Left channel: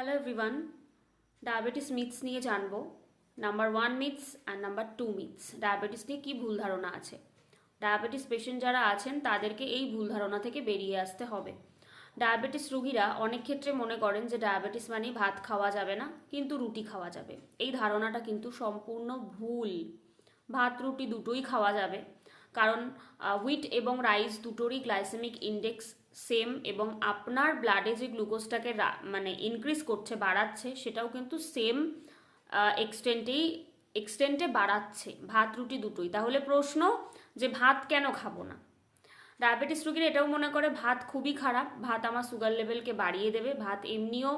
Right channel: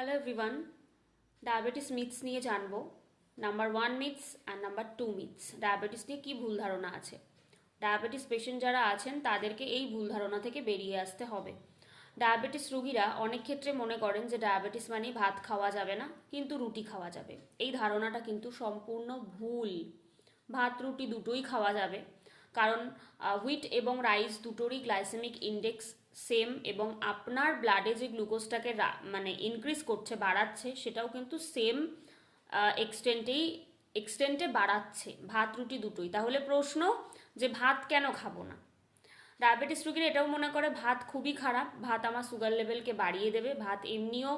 Hello everyone diabetes myths নিয়ে জানব। Number one myths আর নাম্বার টু মিথস ডায়াবেটিস নিয়ে কী ভুল ধারণা আছে? ডায়াবেটিস পেশেন্ট যারা আছেন, তাদেরকে এই ভুল ধারণা থেকে বেরিয়ে আসতে হবে। ডায়াবেটিস রুগীরা অনেক ক্ষেত্রে মনে করেন যে ডায়াবেটিস মানে ভাত খাওয়া যাবে না, কিন্তু রুটি খাওয়া যাবে। এই ধারণাটা কিন্তু সম্পূর্ণ ভুল। ভাত, রুটি দুটোই খাওয়া যাবে। কারণ হুইট এবং রাইস দুটোরই গ্লাইসেমিক ইন্ডেক্স সেম এবং আপনার ব্লাডে যে গ্লুকোজটাকে মানে ইনক্রিজ করছে, বাড়াচ্ছে, সেটাও কিন্তু সেম এক্সটেন্টেই এক্সটেন্টে বাড়াচ্ছে। ভাত, রুটি দুটোই। তাহলে প্রশ্ন যে ভাত কেন খাব না? ডায়াবেটিস রুগীর এটাও মনে করে, ভাত খুবই খারাপ। ভাত আমার সুগার লেভেলকে বাড়িয়ে দেবে। ভাত এমনিও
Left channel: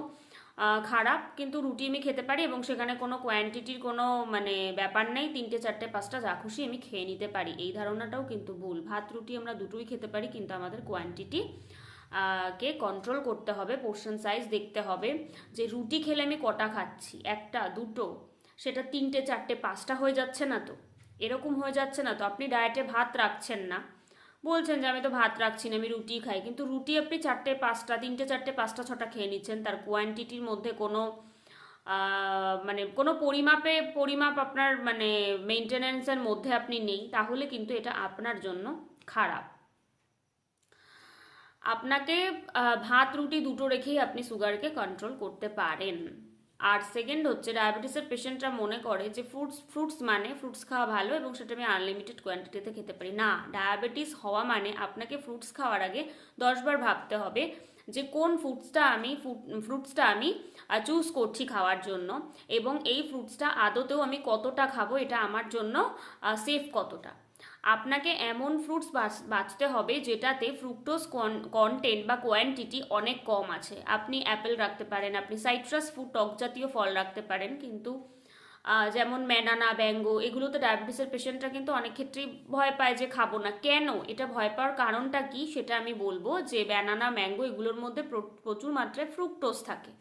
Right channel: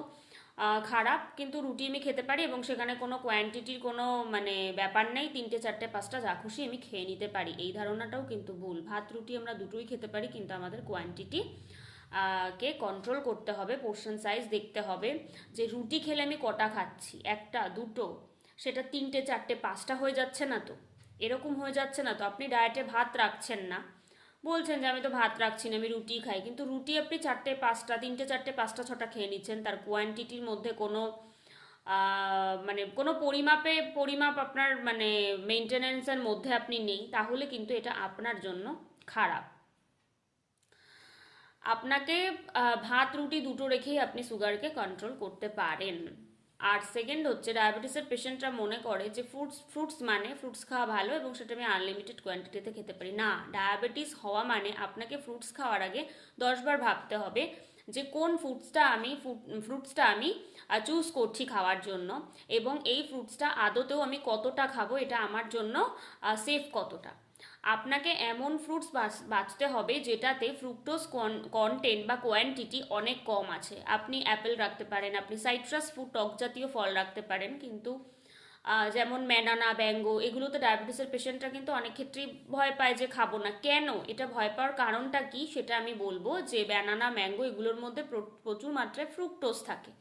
খারাপ, কিন্তু রুটি আমি খেতে পারি এবং সেখানে কোনো কোয়ান্টিটির কোনো মানে ব্যাপার নেই। তিনটে, চারটে, পাঁচটা, যা খুশি আমি খেয়ে নিতে পারি। এই ধারণাটাও কিন্তু ভুল। ভাত, রুটি আমরা দুটোই খেতে পারি, কিন্তু আমাদের কোয়ান্টিটি কে কন্ট্রোল করতে হবে পোর্শন সাইজ দেখতে হবে। যে রুটি খেলে আমি কটা খাচ্ছি? একটা, দুটো, সেটা তিনটে, চারটে, পাঁচটা হয়ে যাচ্ছে না তো? এরকম হয়ে যাচ্ছে না তো? আপনি ডায়েটে ভাত রাখছেন না। বলছেন যে আমি তো ভাত রাখছি না, আমি রুটি খাই। কিন্তু রুটি আপনি চারটে পাঁচটা, তিনটে, চারটে, পাঁচটা, ছটা খেয়ে নিচ্ছেন। তার কোয়ান্টিটির মধ্যে কোনো মানে কোনো পরিমাপে, পরিমাপ আপনার মানে মেনটেনেন্সের মধ্যে আপনি নেই, তাহলে কিন্তু এটা আপনার জন্য খারাপ। আপনাকে ভাত, রুটি দুটো রেখেই আপনি সুগারকে কন্ট্রোল করতে পারেন। আর সেকেন্ড হচ্ছে ডায়াবেটিসের পেশেন্টরা মনে করে যে ফ্রুটস ফ্রুটস মানে ফ্রুটস খাওয়া ভালো এবং সেটা আমি আনলিমিটেড কোয়ান্টিটিতে খেতে পারি। না ডায়াবেটিস হওয়া মানে আপনাকে ফ্রুটস খাওয়ার আগে দশবার ভাবতে হবে যে কোন ফ্রুটসটা আমি ফ্রুটসটা আমি চুজ করছি খাওয়ার জন্য এবং এই ফ্রুটসটা আদতেও আমি কতটা খাব, এটা আমার জন্য সেফ কতটা। আপনাকে এমন ফ্রুটস বাঁচতে হবে যেটাতে ফ্রুক্টোজ কন্টেন্ট বা কোয়ান্টিটি অনেক কম আছে। আপনি অ্যাপেল রাখতে পারেন, আপনি সাইট্রাস ফুড টক জাতীয় ফল রাখতে পারেন, কিন্তু যেমন ম্যানানা ব্যাঙ্গো এগুলোতে ডায়াবেটিসের পেশেন্টরা কিন্তু অনেক ক্ষেত্রেই ভয় পায় যে খাব না। কেন? এটা ভয় পাওয়ার কারণটা কি? সেটা আমি বলব যে ব্যানানা ম্যাঙ্গো এগুলোর মধ্যে প্রচুর মাত্রায় ফ্রুক্টোজ থাকে।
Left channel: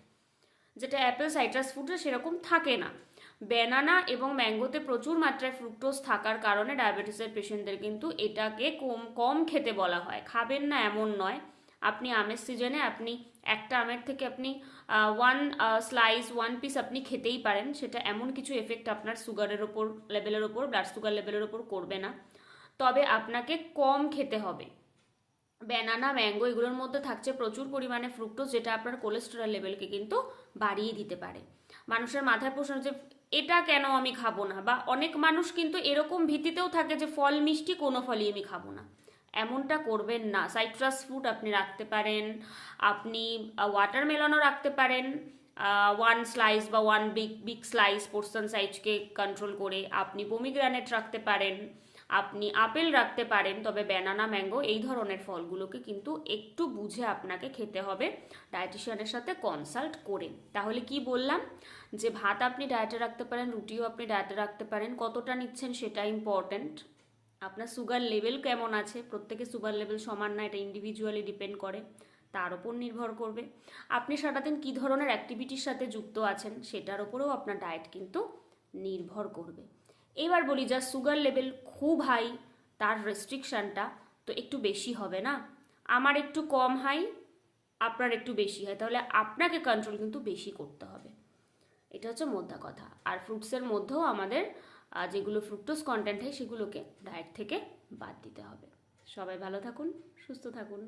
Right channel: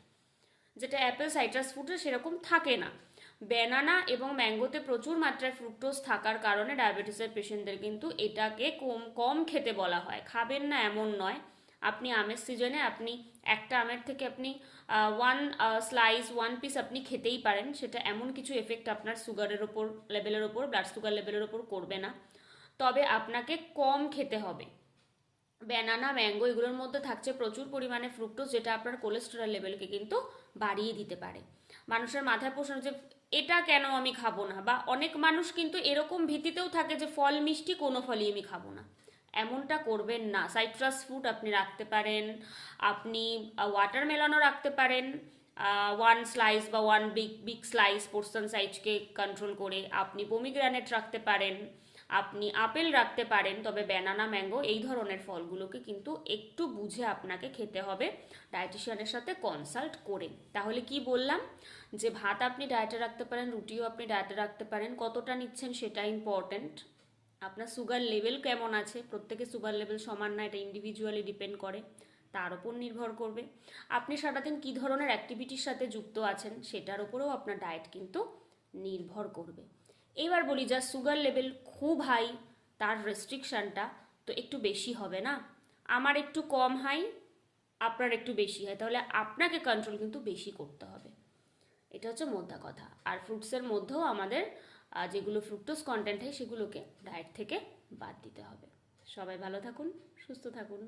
যেটা অ্যাপেল সাইট্রাস ফ্রুটে সেরকম থাকে না। ব্যানানা এবং ম্যাঙ্গোতে প্রচুর মাত্রায় ফ্রুক্টোজ থাকার কারণে ডায়াবেটিসের পেশেন্টদের কিন্তু এটাকে কম কম খেতে বলা হয়। খাবেন না এমন নয়। আপনি আমের সিজনে আপনি একটা আমের থেকে আপনি ওয়ান স্লাইস ওয়ান পিস আপনি খেতেই পারেন। সেটা এমন কিছু এফেক্ট আপনার সুগারের ওপর লেভেলের ওপর ব্লাড সুগার লেভেলের ওপর করবে না। তবে আপনাকে কম খেতে হবে। ব্যানানা, ম্যাঙ্গো এগুলোর মধ্যে থাকছে প্রচুর পরিমাণে ফ্রুক্টোজ, যেটা আপনার কোলেস্টেরল লেভেলকে কিন্তু বাড়িয়ে দিতে পারে। মানুষের মাথায় প্রশ্ন যে এটা কেন আমি খাব না? বা অনেক মানুষ কিন্তু এরকম ভীতিতেও থাকে যে ফল মিষ্টি কোনো ফলই আমি খাব না। এমনটা করবেন না। সাইট্রাস ফ্রুট আপনি রাখতে পারেন। আপনি ওয়াটারমেলনও রাখতে পারেন। ওয়ান স্লাইস বা one big big slice portion সাইজকে control করে আপনি পমিগ্রানেট রাখতে পারেন। আপনি আপেল রাখতে পারেন, তবে ব্যানানা ম্যাঙ্গো এই ধরনের ফলগুলোকে কিন্তু একটু বুঝে আপনাকে খেতে হবে। ডায়েটিশিয়ানের সাথে কনসাল্ট করে। তাহলে কি বললাম? যে ভাত আপনি ডায়েটে রাখতে পারেন, রুটিও আপনি ডায়েটে রাখতে পারেন, কতটা নিচ্ছেন সেটা ইম্পর্ট্যান্ট আপনার সুগার লেভেল কেমন আছে? প্রত্যেকে সুগার লেভেল সমান না, এটা ইন্ডিভিজুয়ালি ডিপেন্ড করে। তার ওপর নির্ভর করবে। আপনি সারাদিন কী ধরনের অ্যাক্টিভিটির সাথে যুক্ত আছেন, সেটার ওপরেও আপনার ডায়েট কিন্তু নির্ভর করবে। এবার বলি, যা সুগার লেভেল খুব হাই তার রেস্ট্রিকশানটা তো একটু বেশি হবে না? আমার একটু কম হাই আপনার একটু বেশি হয় তাহলে আপনাকে কন্ট্রোল কিন্তু বেশি করতে হবে। এটা হচ্ছে মোদ্দা কথা। আর ফ্রুটসের মধ্যেও আমাদের যেগুলো ফ্রুক্টোজ কন্টেন্ট হয়, সেগুলোকে ডায়েট থেকে বাদ দিতে হবে। সবাই ভালো থাকুন, সুস্থ থাকুন।